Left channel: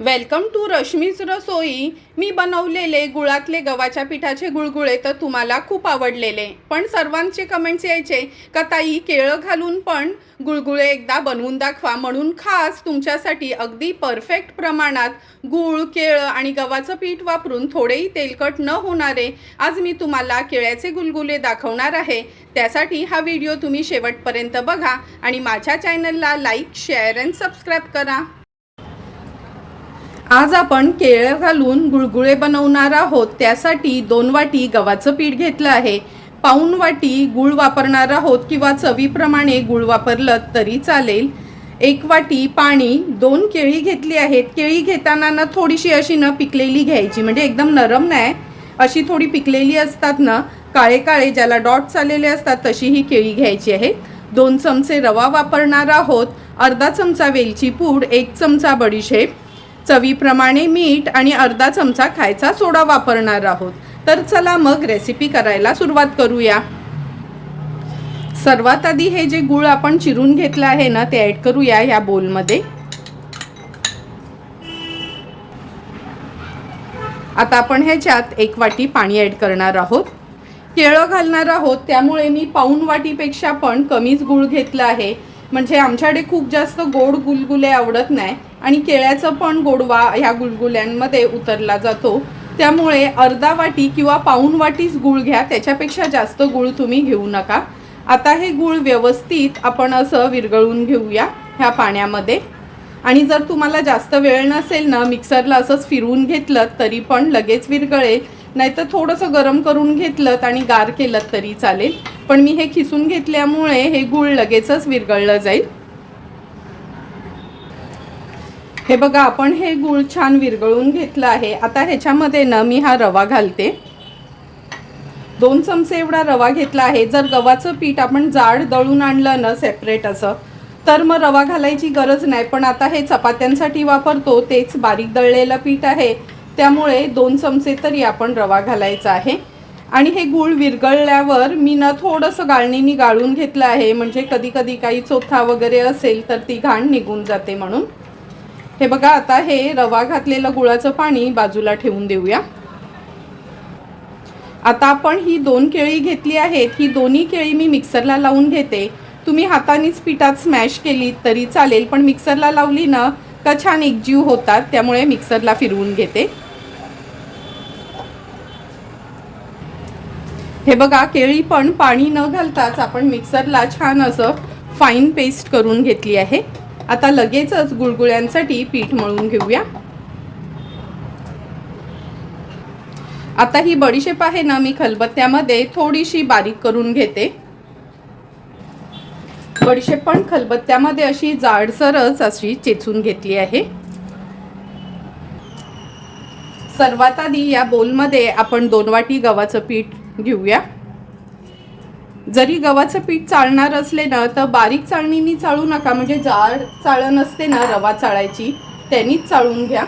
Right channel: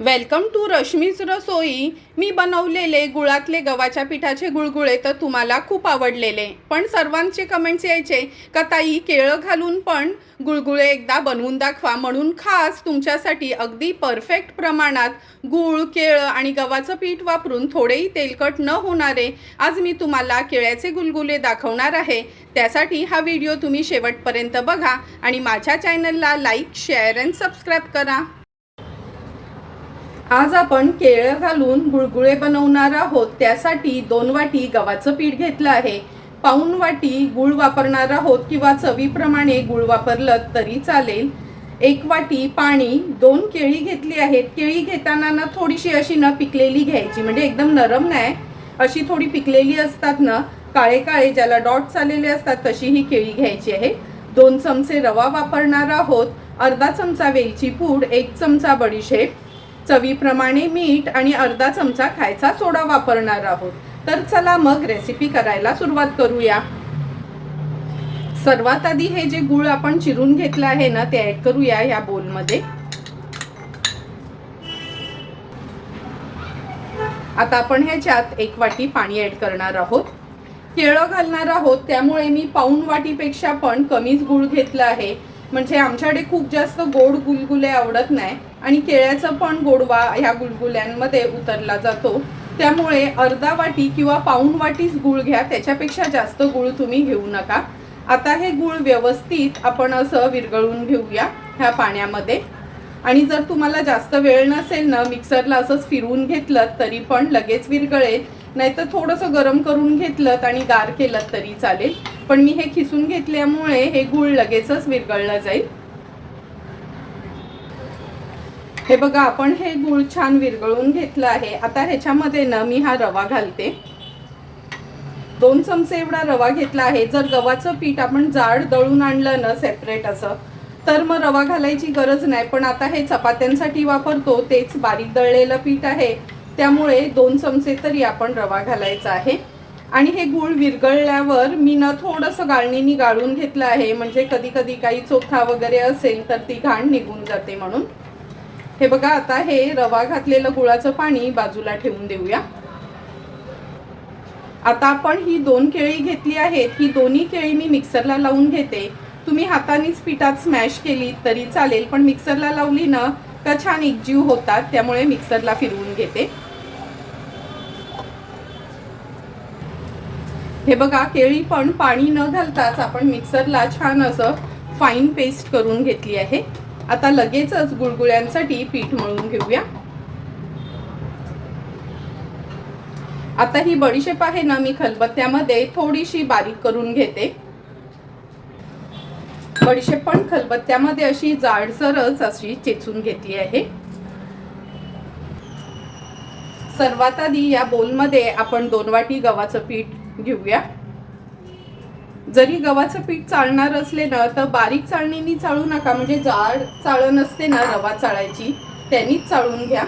Welcome to Rashmi's रसोई। मी बनवलेले गुळातले गव्हाच्या पिठाचे गुळगुळे तर तुम्हाला खूप आवडलेले, पण सर्वांचे कमेंट्स यायचे का ताई केळं घालून पण गुळगुळे एकदा बनवून दाखवा, म्हणून खास तुमच्यासाठी अगदी परफेक्ट प्रमाणात गूळ, केळं आणि गव्हाचं पीठ वापरून थोडेही तेलकट न होणारे आज मी तुम्हाला केळ्याचे गुळगुळे दाखवणार आहे। त्यासाठी हा व्हिडिओ तुम्ही शेवटपर्यंत बघा आणि माझ्या चॅनलला लाईक, शेअर अँड सबस्क्राईब करा। आज आपण केळं घालून गुळगुळे बनवणार आहोत। त्यासाठी 2 वाटी गव्हाचं पीठ घेतलं आहे, पाऊण वाटी गूळ वापरणार आहोत किंवा चवीप्रमाणे गूळ वापरलं तरी चालेल। 1 वाटी पाणी, 2 केळी घेतली आहेत। केळी घेताना ना थोडीशी अशी न पिकलेली घ्यायची, म्हणजे एकदम नरम नाही, अशी थोडी पिकलेली असतात ना, काळे काळे ज्याला डॉट्स आलेले असतात तशी ही केळी घ्यायची आहे। 2 चमचे रवा वापरणार आहोत, अर्धा चमचा वेलची पूड, 1 चमचा बडीशेप, चवीप्रमाणे मीठ आणि अर्धा चमचा खायचा सोडा वापरणार आहोत। तर चला मग रेसिपी करायला सुरुवात करूया। सर्वात आधी हे जे गूळ आपण चिरून घेतलं आहे ना ते ऍड करूया या बोलमध्ये। आता आपण ह्याच्यात 1 वाटी पाणी ऍड करणार आहोत। केळं घालणार आहोत त्यामुळे मी पाऊण वाटीपेक्षा पण कमीच गूळ घेतला आहे, म्हणजे आमच्याकडे खूप जास्त गोड गुलगुले आवडत नाही आणि केळ्याचं पण गोडवा ह्या गुलगुल्यांमध्ये उतरला जातो, त्यामुळे अर्धा वाटी किंवा पाऊण वाटीच गूळ घ्या, त्याच्यापेक्षा जास्त गूळ तुम्ही घेऊ नका। आता हे गूळ व्यवस्थित आपण असं विरघळून घेऊया ह्या पाण्यामध्ये। आणि जर तुम्हाला जास्त वेळ नसेल ना, मिक्सरला असंच फिरवून घेतलं तरी पण लगेच विरघळेल, नाहीतर थोडंसं गरम करून घेतलं आणि गार केलं तरी चालेल, पण मी हे खिसून घेतल्यामुळे हे गूळ लगेचच विरघळलं जाईल। हे बघा, आपण हे गूळ छान विरघळून घेतलं आहे। आता ह्याच्यामध्ये ना मी हा रवा घालते, 2 चमचे एवढा रवा घेतला आहे। जर गव्हाचं पीठ आपण जाड दळून आणलं ना सेपरेट असं, तर मग रवा घालायची गरज नाही, पण आता हे चपात्यांसाठी वापरतो तेच बारीक दळलेलं पीठ आहे, त्यामुळे 2 चमचे तरी आपण रवा घालायचा आहे। आणि हे गूळ विरघळल्यावर मी ना थोडंसं गाळणीने गाळून घेतलं आहे, म्हणजे कधी कधी काही चोथा वगैरे असेल तर ती घाण निघून जाते म्हणून। हे बघा, आता हे रवा घातलेलं गुळाचं पाणी बाजूला ठेवून देऊया। आता आपण ही 2 केळी घेतली आहेत, ही दोन्ही केळी मी मिक्सरला लावून घेते। तुम्ही हातानेच पिठात स्मॅश केली तरी चालेल, पण मिक्सरला लावली ना का छान एकजीव होतात, त्यामुळे मिक्सरला फिरवून घेते। हे बघा, केळी पण पाणी न घालताच आपण मिक्सरला छान असं फाईन पेस्ट करून घेतली आहे। आता लगेचच गुळगुळ्यांसाठी पीठ मळून घेऊया। आता ही बडीशेप आहे ना, मी खलबत्त्यामध्ये थोडीशी बारीक करून घेते। बडीशेप पण खलबत्त्यामध्ये अशी जाडसरच अशी चेचून घेतली आहे। सर्वात आधी या बोलमध्ये आपण 2 वाटी गव्हाचं पीठ घेऊया। जरी गव्हाचं पीठ चाळणार असले ना तर बारीक चाळणीने चाळू नका, म्हणजे जाड चाळण असते ना रवा चाळायची, त्यांनीच चाळून घ्या।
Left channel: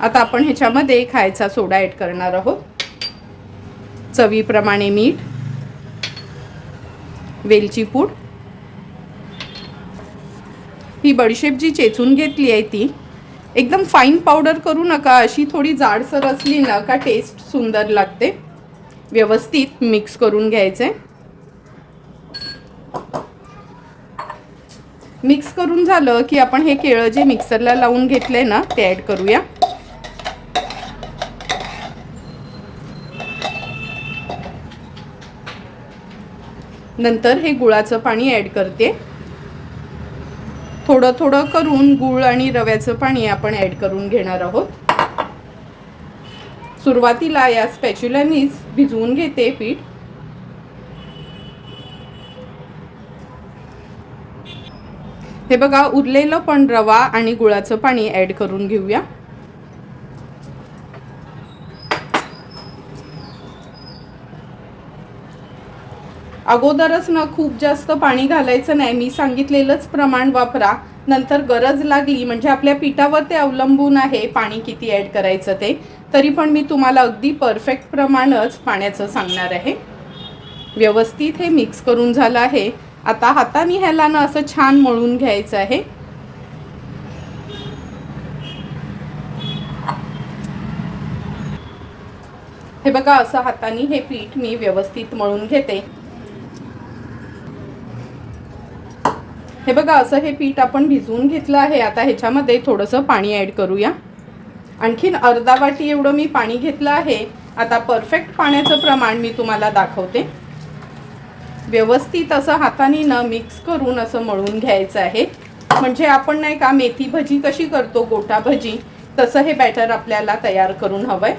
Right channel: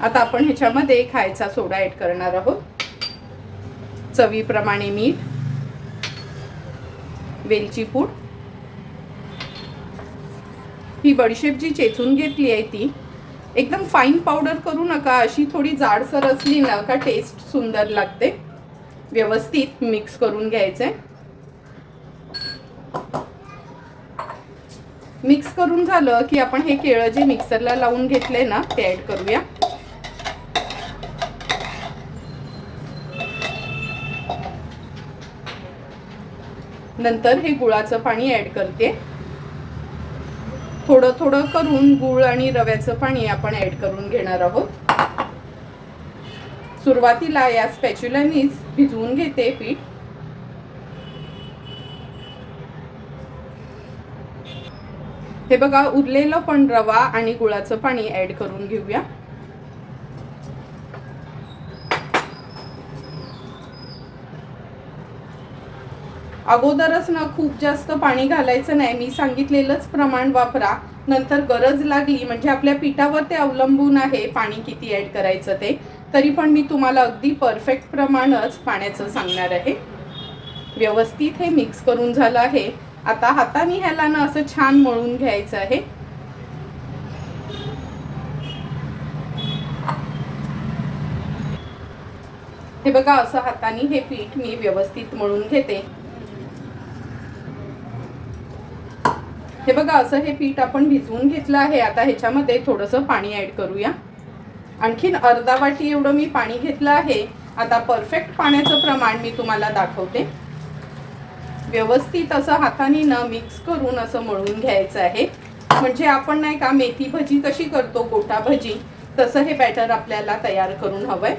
आता आपण ह्याच्यामध्ये खायचा सोडा ऍड करणार आहोत, चवीप्रमाणे मीठ, वेलची पूड। ही बडीशेप जी चेचून घेतली आहे ती एकदम फाईन पावडर करू नका, अशी थोडी जाडसर असली ना का टेस्ट सुंदर लागते। व्यवस्थित मिक्स करून घ्यायचे। मिक्स करून झालं की आपण हे केळं जे मिक्सरला लावून घेतले ना ते ऍड करूया। नंतर हे गुळाचं पाणी ऍड करते, थोडं थोडं करून गूळ आणि रव्याचं पाणी आपण ऍड करून घेणार आहोत। सुरुवातीला या स्पॅच्युलानीच भिजवून घेते पीठ। हे बघा, उरलेलं पण रवा आणि गुळाचं पाणी ऍड करून घेऊया। अगोदरच ना खूप जास्त पाणी घालायचं नाही, मी सांगितलेलंच प्रमाण वापरा, नंतर गरज लागली म्हणजे आपल्या पिठावर ते अवलंबून आहे पाणी किती ऍड करायचं ते, तरी पण मी तुम्हाला अगदी परफेक्ट प्रमाणच पाण्याचं सांगणार आहे। व्यवस्थित हे मिक्स करून झालं आहे। आता हाताने ह्याला ना असं छान मळून घ्यायचं आहे। हे बघा, असं हाताने हे पीठ मी व्यवस्थित मळून घेते. हे बघा, असं हे पीठ आपण भिजवून घेतलं आहे. आता ह्याच्यामध्ये थोडंसं पाणी ॲड करूया. आणखीन अर्धा वाटी एवढं मी पाणी घेतलं आहे. आता परफेक्ट पाण्याचं प्रमाण मी तुम्हाला दाखवते. व्यवस्थित असं हाताने न मिक्स करून असं मळून घ्यायचं आहे. म्हणजे आपण नाही का मेथी भजी कशी करतो, गोटा भजी, तसं हे बॅटर आपल्याला तयार करून हवंय.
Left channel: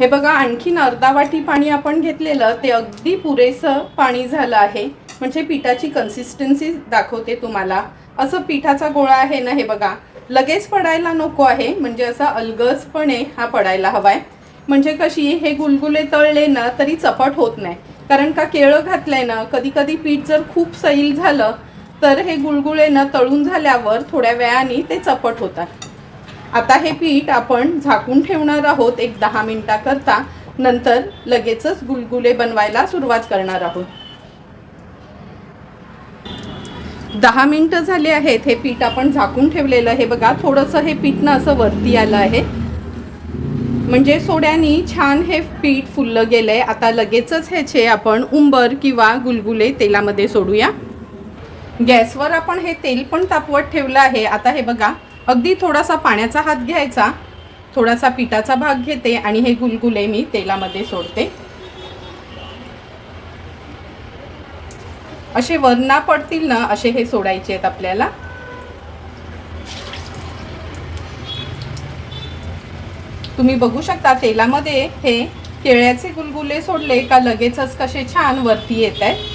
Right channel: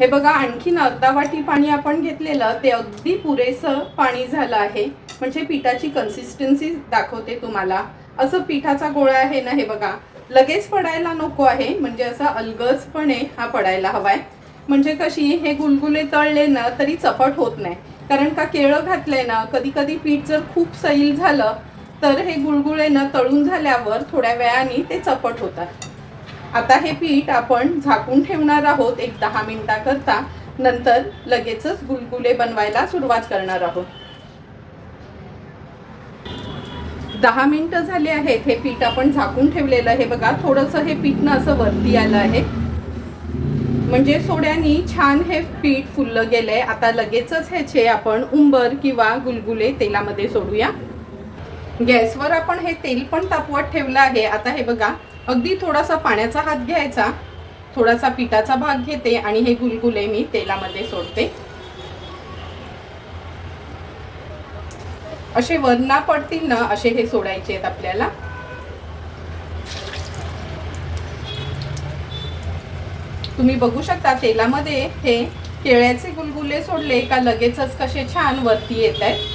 हे बघा, आणखीन अर्धा वाटी पाणी आपण घेतलेलं ते अगदी पुरेसं पाणी झालं आहे. म्हणजे पिठाची कन्सिस्टन्सी दाखवते तुम्हाला. असं पिठाचा गोळा आहे ना, हे बघा, लगेच पडायला नको आहे. म्हणजे असा अलगजपणे हा पडायला हवाय. म्हणजे कशी हे गुलगुले तळले ना तरी चपट होत नाही. कारण का केळं घातलंय ना, कधी कधी पीठ जर खूप सैल झालं तर हे गुलगुले ना तळून झाल्यावर थोड्या वेळाने ते चपट होतात. आता हे पीठ आपण झाकून ठेवणार आहोत 10 मिनिटाकरता. नंतर लगेचच गुलगुले बनवायला सुरुवात करणार आहोत. 10 मिनिटं झाले आहेत. हे पीठ आपण झाकून ठेवलेलं. हे बघा, थोडंसं हे पीठ ना असं वरती आलं आहे. म्हणजे सोड्यानी छान हे पीठ फुललं गेलंय. आता लगेचच ह्याचे आपण उंबर किंवा गुलगुले तेलामध्ये सोडूया. गॅसवर आपण हे तेल पण तापवत ठेवलं आहे. आता हे बघा, अगदी थोडासा पाण्याचा हात घ्यायचा, थोडासा पिठाचा भाग घेते आणि हे गुलगुले मी तेलामध्ये सोडते. असे वरना पडतील ना असे हे सोडायचे आहेत आपल्याला. तुम्ही बघू शकता तेलामध्ये हे केळ्याचे गुलगुले सोडले का लगेचच कसे छान वरती येत आहेत.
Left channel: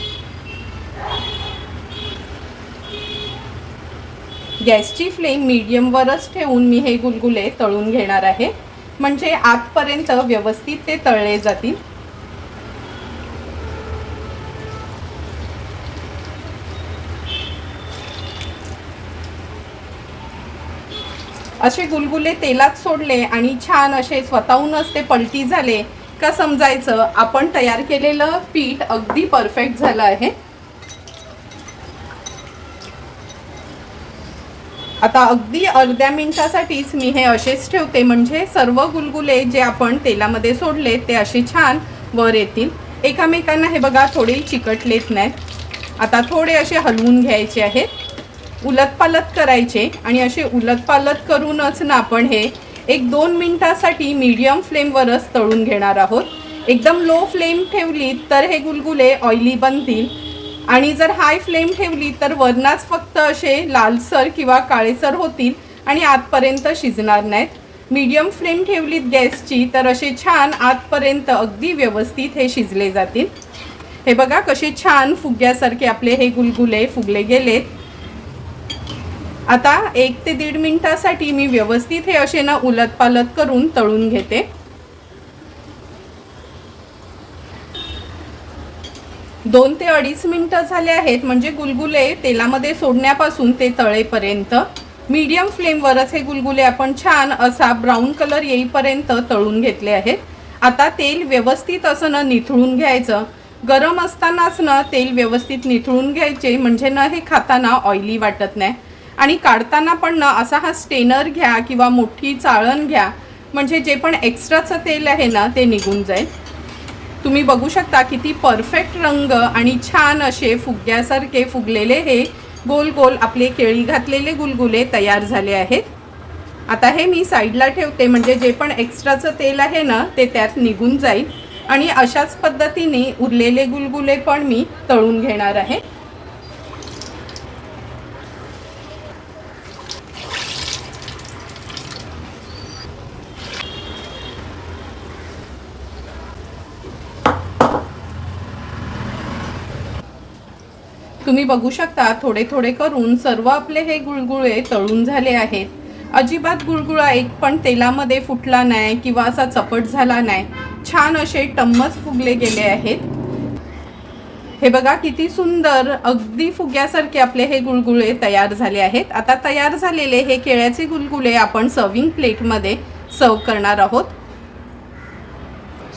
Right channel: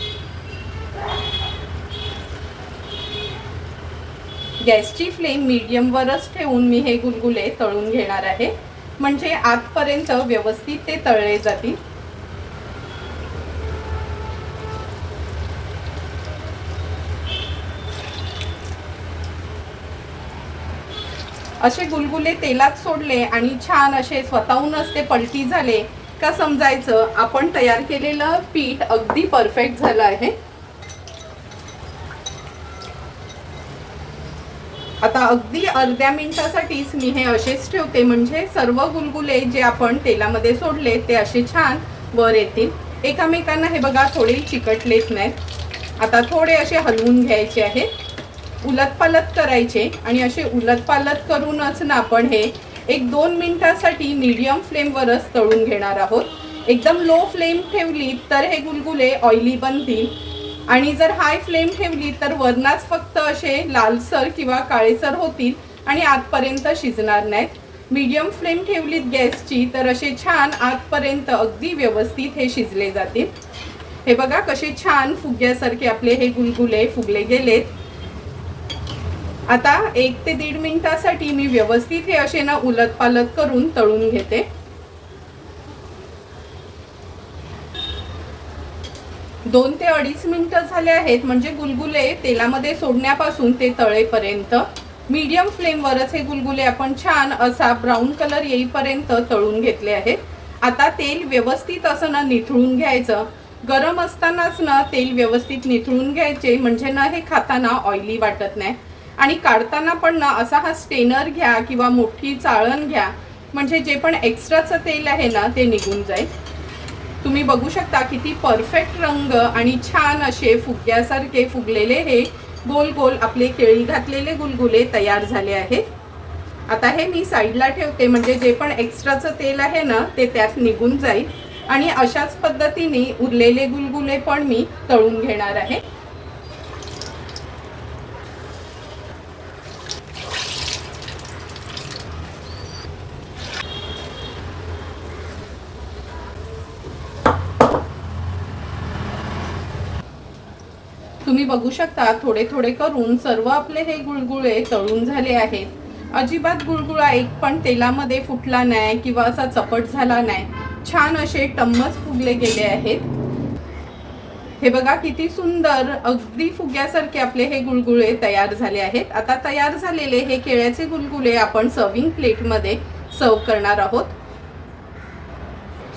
गॅसची फ्लेम मीडियमवरच ठेवून मी हे गुलगुले तळून घेणार आहे. म्हणजे आतपर्यंत व्यवस्थित ते तळले जातील. असे गुलगुले तेलात सोडले आणि छान असे स्वतःहूनच ते पलटी झाले का समजायचं आपण तयार केलेलं पीठ अगदी परफेक्ट झालं आहे. आता अगदी अर्ध्या मिनिटासाठीच मी हे असेच ठेवते. म्हणजे सर्व गुलगुले जे आपण तेलामध्ये सोडले ते असे छान वर येतील. एकामेकांना हे बघा थोडे चिकटलेत नाहीत. आता थोडे असे हलवून घ्यायचे आहेत, उलटपालट करायचे आणि असे उलटपालट करूनच ना आपण हे 1-2 मिनिटासाठी मीडियम फ्लेमवरच तळून घेणार आहोत. एकदम लो फ्लेम ठेवली तर हे गुलगुले ऑइली बनतील आणि जर हाय फ्लेम ठेवली तर वरनाच फक्त असे लालसर किंवा काळेसर होतील आणि आतपर्यंत शिजणार नाहीत. मीडियम फ्लेम ठेवलीत गॅसची तर असे छान आतपर्यंत अगदी व्यवस्थित हे शिजले जातील. हे बघा कसे छान फुग्यासारखे आपले हे गुलगुले फुगले गेलेत. आता 1 ते 1.5 मिनिटासाठी मी व्यवस्थित हे असे ना उलटपालट करून तळून घेते. 2 ते 2.5 मिनिटं झाले आहेत. म्हणजे गुलगुले तेलामध्ये सोडण्यापासून ते तळेपर्यंत मीडियम फ्लेमवरच हे गुलगुले आपण छान असा ब्राऊन कलर येईपर्यंत तळून घेतले आहेत. आता तेल व्यवस्थित असं ना निथळून घ्यायचं. गरम असतानाच ना तेल व्यवस्थित निथळून घ्यायचे म्हणजे ना हे खाताना ऑइली वाटत नाही. आणि काढताना पण ना असा हा स्टेनर घ्या किंवा मोठी चाळण घ्या. म्हणजे जे पण एक्स्ट्राचं तेल आहे ना ते निघून जाईल. तुम्ही बघू शकता किती परफेक्ट रंग आणि छान असे फुग्यासारखे फुगलेले हे गोल गोल आपले केळी घातलेले गुलगुले तयार झाले आहेत. आता हे मी साईडला ठेवते. म्हणजे जे पण एक्स्ट्राचं तेल आहे ना ते त्यात निघून जाईल. आणि अशाच पद्धतीने उरलेले गुलगुले पण मी तळून घेणार आहे. तुम्ही बघू शकता थोडे थोडे करून सर्व आपले हे गुळगुळे तळून झाले आहेत. अजिबात गुळगुळा एक पण तेलामध्ये फुटला नाही किंवा असा चपट झाला नाही. छान असे टम्मच फुगले गेले आहेत. हे बघा किती सुंदर अगदी फुग्यासारखे आपले हे गुळगुळे तयार झाले आहेत. आता तयार झालेले हे केळ्याचे गुलगुले आपण सर्विंग प्लेटमध्ये सर्व करणार आहोत.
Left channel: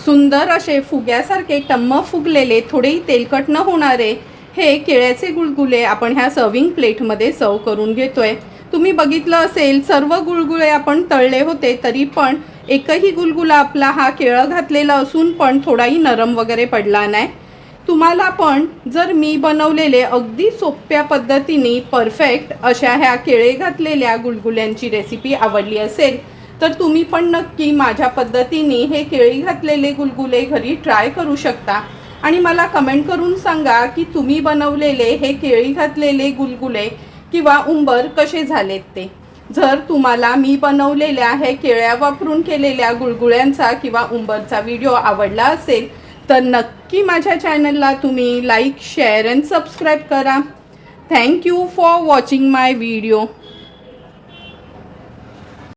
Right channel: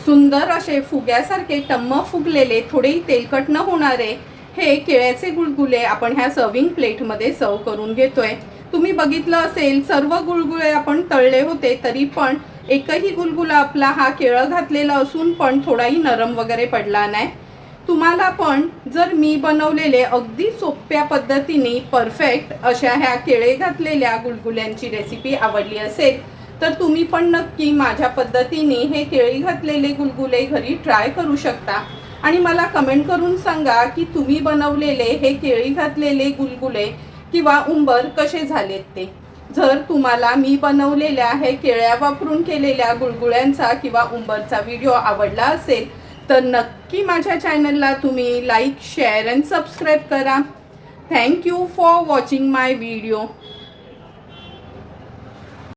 सुंदर असे फुग्यासारखे टम्म फुगलेले, थोडेही तेलकट न होणारे हे केळ्याचे गुलगुले आपण ह्या सर्विंग प्लेटमध्ये सर्व करून घेतोय। तुम्ही बघितलं असेल सर्व गुलगुले आपण तळले होते, तरी पण एकही गुलगुला आपला हा केळं घातलेला असून पण थोडाही नरम वगैरे पडला नाही। तुम्हाला पण जर मी बनवलेले अगदी सोप्या पद्धतीने परफेक्ट अशा ह्या केळे घातलेल्या गुलगुल्यांची रेसिपी आवडली असेल तर तुम्ही पण नक्की माझ्या पद्धतीने हे केळी घातलेले गुलगुले घरी ट्राय करू शकता आणि मला कमेंट करून सांगा की तुम्ही बनवलेले हे केळी घातलेले गुलगुले किंवा उंबर कसे झालेत ते। जर तुम्हाला मी बनवलेल्या हे केळ्या वापरून केलेल्या गुलगुल्यांचा किंवा उंबरचा व्हिडिओ आवडला असेल तर नक्की माझ्या चॅनलला तुम्ही लाईक, शेअर अँड सबस्क्राईब करा। Thank you for watching my video.